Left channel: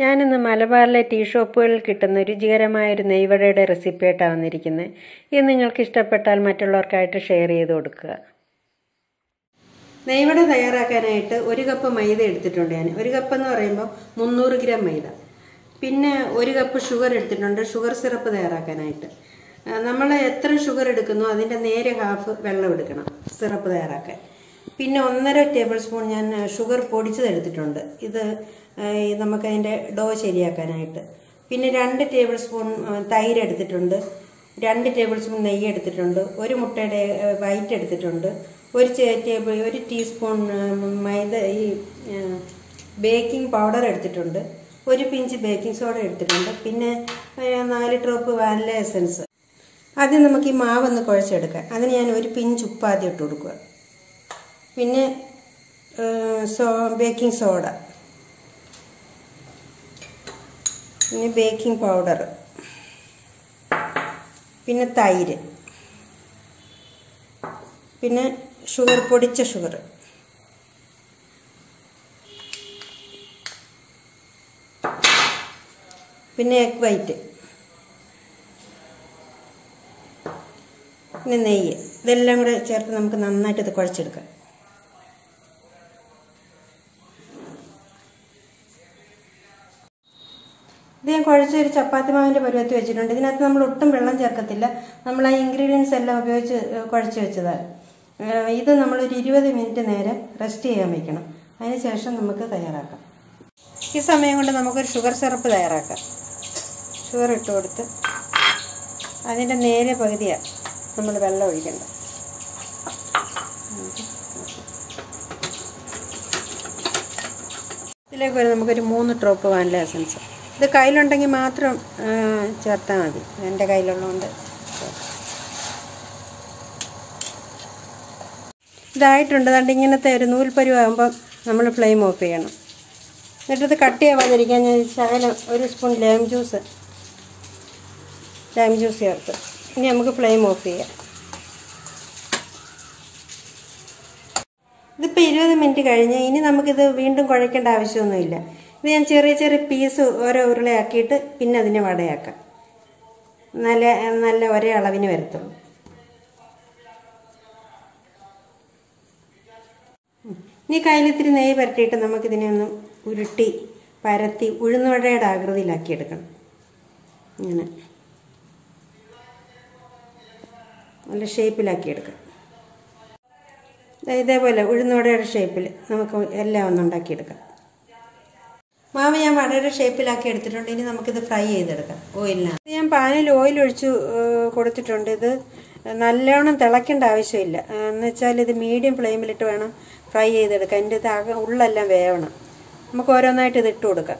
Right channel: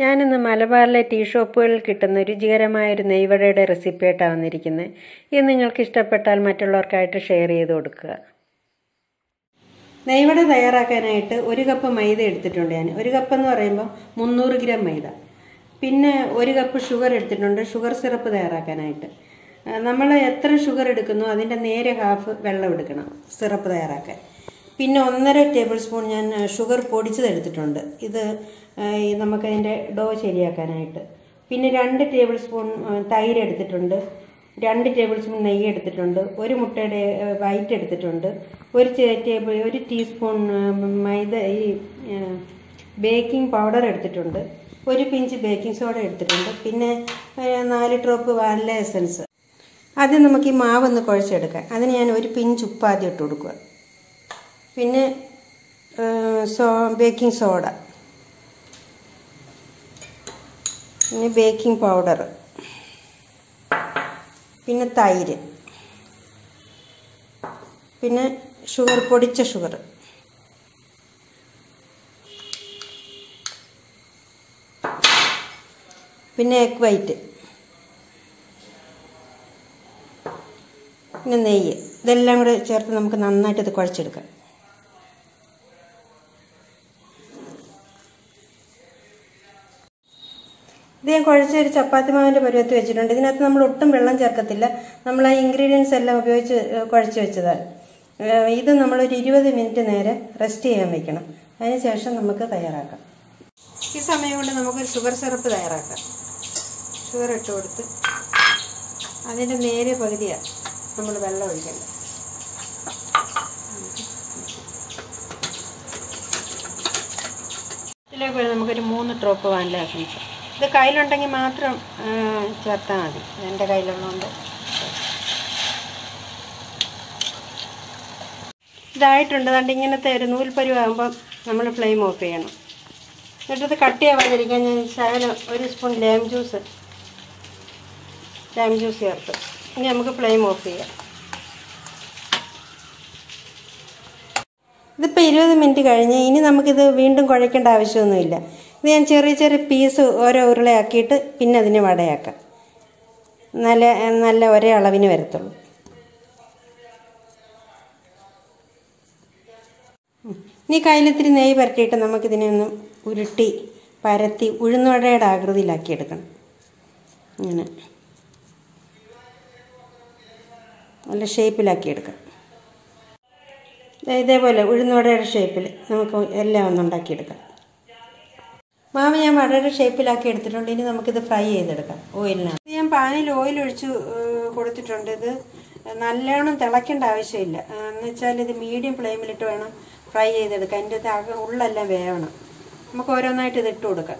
ഞാനിന്ന് മലബാറിലെ ടീ ഷോപ്പുകളിൽ കിട്ടുന്ന രുചികരമായൊരു നെയ്വടയുടെ റെസിപ്പിയായിട്ടാണ് വന്നിരിക്കുന്നത്. ഇത് നിങ്ങൾക്ക് ഇഷ്ടപ്പെട്ടാൽ മറ്റുള്ളവർക്കായിട്ട് ഷെയർ ചെയ്ത് കൊടുക്കുക. നെയ്വട തയ്യാറാക്കാനായിട്ട് 1 കപ്പ് മൈദ എടുത്തിട്ടുണ്ട്. ഞാൻ 1 കപ്പ് എന്ന് പറയുമ്പോൾ 300 ഗ്രാം മൈദ, പിന്നെ 1 കപ്പ് ഷുഗർ എടുത്തിട്ടുണ്ട്. ഷുഗർ സിറപ്പ് തയ്യാറാക്കാനായിട്ട് നമ്മൾ എത്ര ഷുഗർ എടുക്കുന്നോ അതിൻ്റെ നേരെ ഹാഫ് വെള്ളം എടുക്കണം സിറപ്പ് തയ്യാറാക്കാൻ. പിന്നെ 1.5 ടേബിൾ സ്പൂൺ ഞാൻ ഷുഗർ പൊടിച്ചതെടുത്തിട്ടുണ്ട്. ഇത് നമുക്കതിൻ്റെ ഡോ ശരിയാക്കാനായിട്ട്. പിന്നെ 2 ടേബിൾ സ്പൂൺ തൈര് എടുത്തിട്ടുണ്ട്. 2 ടേബിൾ സ്പൂൺ നെയ്യ് എടുത്തിട്ടുണ്ട്. 1 മുട്ടയുടെ വൈറ്റ് എടുത്തിട്ടുണ്ട്. 1 ടീസ്പൂൺ മൈദ ബേക്കിംഗ് പൗഡർ എടുത്തിട്ടുണ്ട്. 1 പിഞ്ച് ബേക്കിംഗ് സോഡ എടുത്തിട്ടുണ്ട്. പിന്നെ 4 ഡ്രോപ്പ് വാനില എസൻസ്. ആദ്യം നമുക്ക് ഈ മാവൊന്ന് കുഴച്ചെടുക്കാം. അതിന് ഞാൻ 1 പിഞ്ച് ഉപ്പ് ആദ്യം ഇട്ട് കൊടുക്കുക. പിന്നെ ബേക്കിംഗ് സോഡ, പിന്നെ ബേക്കിംഗ് പൗഡർ, പിന്നെ തൈര്, പിന്നെ ഷുഗർ, പൊടിച്ച ഷുഗർ, പിന്നെ എഗ് വൈറ്റ്, പിന്നെ നെയ്യ്. ഇതെല്ലാം കൂടെ ചേർത്ത് നമുക്ക് നന്നായിട്ട് ഇത് കുഴച്ചെടുക്കാം. ഇത് ഞാൻ കുഴച്ചൊരു ചപ്പാത്തി മാവിൻ്റെ പരുവത്തിൽ വെച്ചിട്ടുണ്ട്. ഇതിനകത്ത് നമ്മൾ ഒട്ടും വെള്ളം ചേർക്കത്തില്ല. നമ്മൾ ആ ഇൻഗ്രീഡിയൻസ് എല്ലാം ഉപയോഗിച്ച് കുഴച്ച് വെച്ചതാണ്. ഇത് നമ്മളൊരു 20 മിനിറ്റ് നേരെ റെസ്റ്റ് ചെയ്യാൻ വെക്കണം. അതിനുശേഷം നമുക്ക് തയ്യാറാക്കാം. ഈ സമയം കൊണ്ട് നമുക്കൊരു ഷുഗർ സിറപ്പ് തയ്യാറാക്കാം. ഷുഗർ ഇട്ട് കൊടുത്ത് അതിൻ്റെ നേരെ പകുതിയാണ് നമ്മൾ വെള്ളം ഒഴിക്കണം. ഇതിലേക്ക് നമുക്കൊരു 3 ഡ്രോപ്പ് വാനില എസൻസ്. ഇത് കയ്യിലുണ്ടെങ്കിൽ മാത്രം ചേർത്താൽ മതി. എൻ്റെ കയ്യിലുള്ളതുകൊണ്ട് ഇതായിട്ടുണ്ട്. അതുകൊണ്ട് ഇങ്ങനത്തെ ഒരു നൂൽപ്പരുവാകുമ്പം നമ്മൾ ഫ്ലെയിം ഓഫ് ചെയ്യണം. എന്നിട്ടത് കട്ടിയാവാതിരിക്കാൻ ഞാൻ ശകലം 1 സ്പൂൺ ലൈം ജ്യൂസ് ചേർത്ത്. ഇനി നമുക്ക് ഫ്ലെയിം ഓഫ് ചെയ്യാം. ഇതിപ്പോൾ 20 മിനിറ്റ് കഴിഞ്ഞ് ഇനി നമുക്കിത് വീണ്ടും കുഴയ്ക്കേണ്ട ആവശ്യമൊന്നുമില്ല. ഇത് ഞാൻ ചെറിയ ചെറിയ പീസ് ഓരോ ഉരുളയാക്കിയിട്ട് പിന്നെ അതിനെ വടയാക്കാം. നല്ല ഒരേ അളവിന് വരത്തുള്ളൂ. ഇനി കയ്യിലിത്തിരി നെയ്യ് പരട്ടിയിട്ട് നമുക്കിതിനെ ഒന്ന് ഉരുട്ടി പരത്തി ഉഴുന്നുവടയുടെ ആകൃതിയിലാക്കിയെടുക്കണം. ഇങ്ങനെ നല്ല ഷേപ്പിലാക്കിയെടുക്കണം. ഇതേപോലെ ഉഴുന്നുവടയുടെ ഷേപ്പിൽ നമുക്ക് എല്ലാം ഒന്നുണ്ടാക്കിയെടുക്കാം. മാവ് ഞാൻ വടയുടെ ഷേപ്പിലാക്കി എടുത്തിട്ടുണ്ട്. ഇനി നമുക്കിത് ഫ്രൈ ചെയ്തെടുക്കാം ഓയിലിനകത്ത്. ഞാൻ പാനിൽ ഓയിൽ ഒഴിച്ച് കൊടുത്തിട്ടുണ്ട്. ഇത് നല്ലോണം തിളയ്ക്കേണ്ട ആവശ്യമില്ല. എന്നുവെച്ചാൽ ഇത് മീഡിയം ഫ്ലെയിമിലിട്ട് വേണം ഫ്രൈ ചെയ്തെടുക്കാം. അതിൻ്റെ ഉള്ളെല്ലാം വേവണം. നമുക്ക് ഓരോന്നായിട്ട് ഇത് ഇട്ട് കൊടുക്കാം.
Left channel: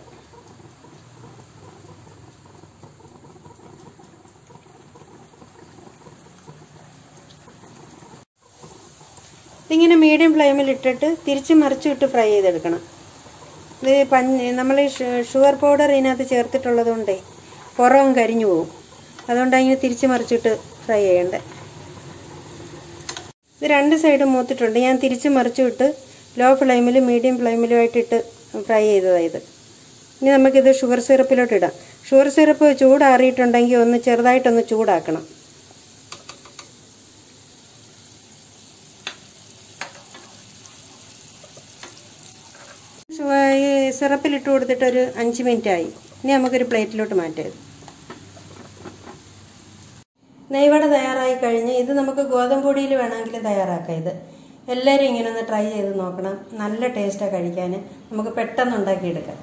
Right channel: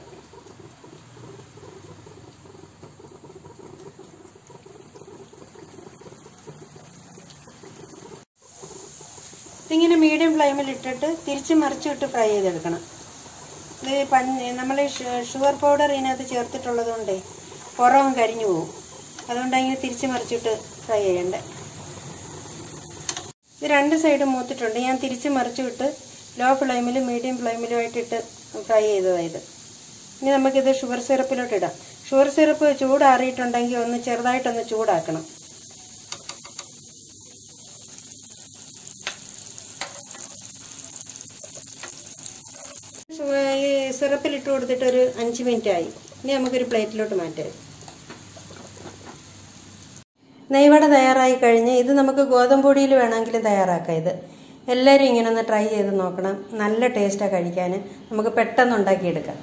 ഇതിങ്ങനെ മീഡിയം ഫ്ലെയിമിൽ ഇട്ടിട്ട് തിരിച്ച് മറിച്ചിട്ട് ഫ്രൈ ചെയ്തെടുക്കണം. ഇത് നമ്മൾ ഷുഗർ പൗഡർ ഇതിനകത്ത് ചേർത്തിട്ടുള്ളത് കൊണ്ടേ പുറവും കരിഞ്ഞു പോകും. അതുകൊണ്ടാണ് ഇങ്ങനെ തിരിച്ച് മറിച്ചിട്ട് ഫ്രൈ ചെയ്യണ്ടേ. ഇത് 2 സൈഡും മൂത്തിട്ടുണ്ട്. ഞാൻ തിരിച്ച് മറിച്ചിട്ട് ലോ ഫ്ലെയിമിലും മീഡിയം ഫ്ലെയിമിലും ആയിട്ടിട്ട് ഫ്രൈ ചെയ്തതായത്. ഇനി നമുക്കിത് ഷുഗർ സിറപ്പിലോട്ട് ഇടാം. ഷുഗർ സിറപ്പ് ചൂടാറിയിട്ടുണ്ടെങ്കിൽ ഒന്ന് ചെറുതായിട്ടൊന്ന് ചൂടാക്കണം. ഈ സിറപ്പിലിട്ട് കൊടുത്തിട്ട് ഒരു 5 മിനിറ്റ് ആയി. ഇനി നമുക്കൊരു പ്ലേറ്റിലോട്ട് മാറ്റാം. നെയ്വട തയ്യാറായി കഴിഞ്ഞ് ഇത് നമുക്ക് ഗോതമ്പ് പൊടിയിൽ വേണമെങ്കിലും തയ്യാറാക്കാം. ഇത് എല്ലാവരും ഇങ്ങനെ ഒന്ന് ട്രൈ ചെയ്ത് നോക്കണം. നല്ല ടേസ്റ്റാണ് കഴിക്കാൻ. നമുക്ക് പെട്ടെന്ന് ഉണ്ടാക്കിയെടുക്കാം.